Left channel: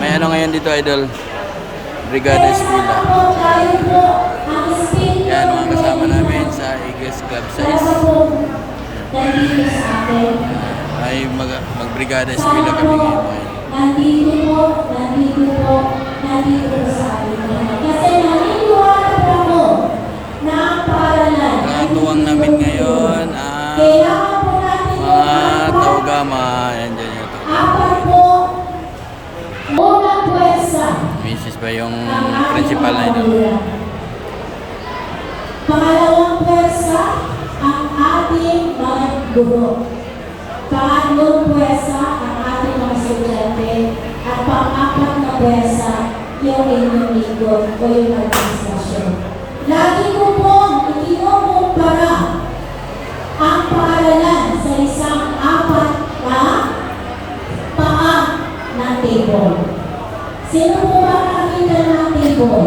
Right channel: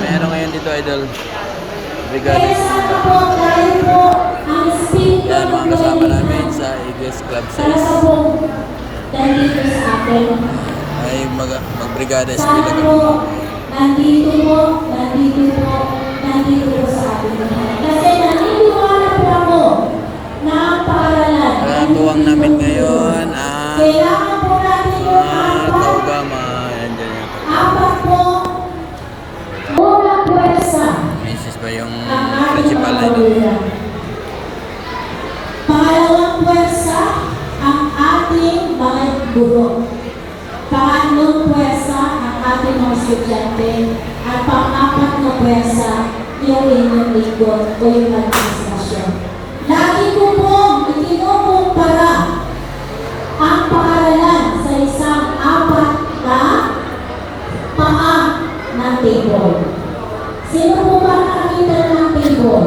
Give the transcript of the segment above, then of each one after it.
May ano ngayon dito, idol? Brigada Eskwela. Yan, mga kasama namin sa Eagles Club Size. Ay mag-Brigada Eskwela kami ngayon. Nandito po sa atin. Kasi naniniwala po ako na ang paaralan. Tuwang namin ngayon ang Kailangan po natin mga Taugama. Yan dyan yung Taugama. apat po muna pwersa. Misis ba yung Ang ating principal na mga ito? magulang. Pangalawang pwersa, ang ating mga guro. Pangatlong pwersa, ang ating mga estudyante. At pang-apat na pwersa, yung inyong likod o yung administrasyon. Lagi ko pong ikinukumpara ang paaralan sa isang apat na paa ng table. Sino po ba nakakita ng table?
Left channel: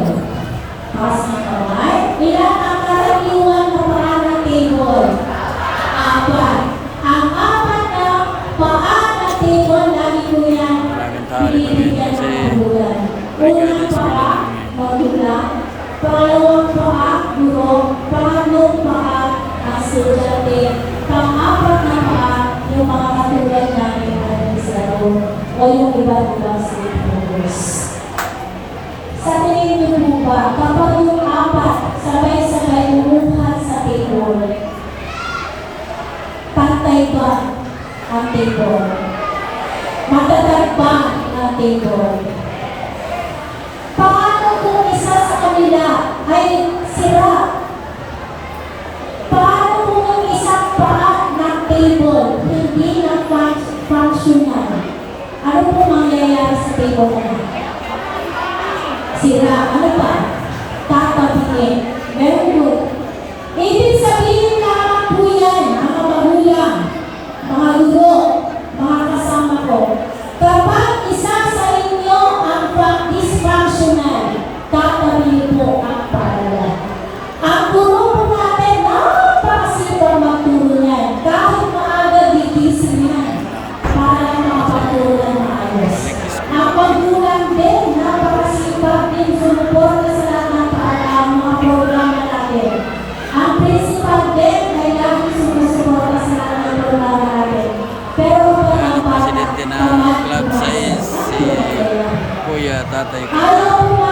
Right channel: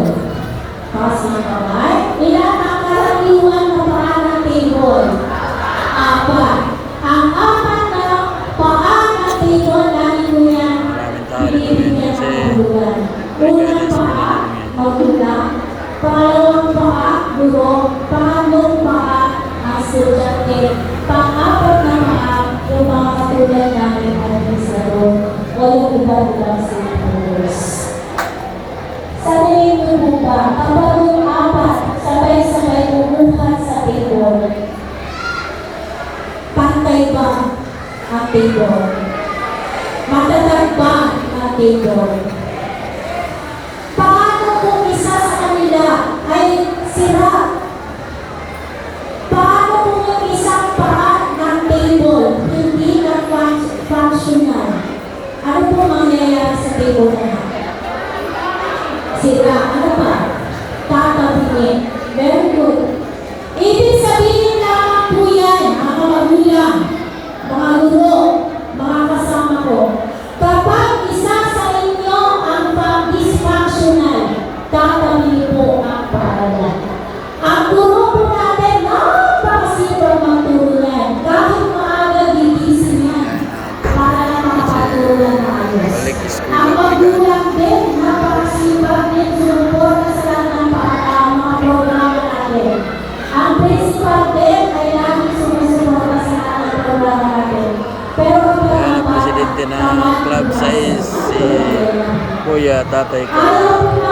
Taas ng kamay. Ilan ang karaniwan na paa ng table? Apat. Ang apat na paa ng table, lagi ko yan Maraming tao dito ngayon kasi Brigada unang Eskwela paa, namin ngayon. magulang. Pangalawang paa, guro. Pangatlong paa, ang estudyante. Pang-apat na paa, yung mga katulad namin administrador o yung iba't ibang stakeholders. Sa tingin niyo po ba, kapag yung apat sabay-sabay umuuhan sa table, pantay ba ang table? Matatag ba ang table? Paano kung isa sa kanila ay sira? Paano kung yung isang paa ng table hindi na functional? Ano po mangyayari sa table na yan? Sira. Ano pa? Tatabihin. Very good. Ibig sabihin lamang po yan, mga magulang, mga guro, mga kasama ko. Kapag isa sa inyo ang dysfunctional, tatabihin po ang paaralan. Ang guro po natin, napakasipag magturo yan. Kahit maaga gigising yan, para makapagturo na ayos. Balik Ang Eskwela, Brigada. magulang din, napakasipag din sumuporta sa lahat ng mga programa natin. Ang principal din ay laging sumusuporta sa lahat ng programa natin. Pero kapag Yan ang bata, presidente ng Club Size, si Kuya Tatay ayaw po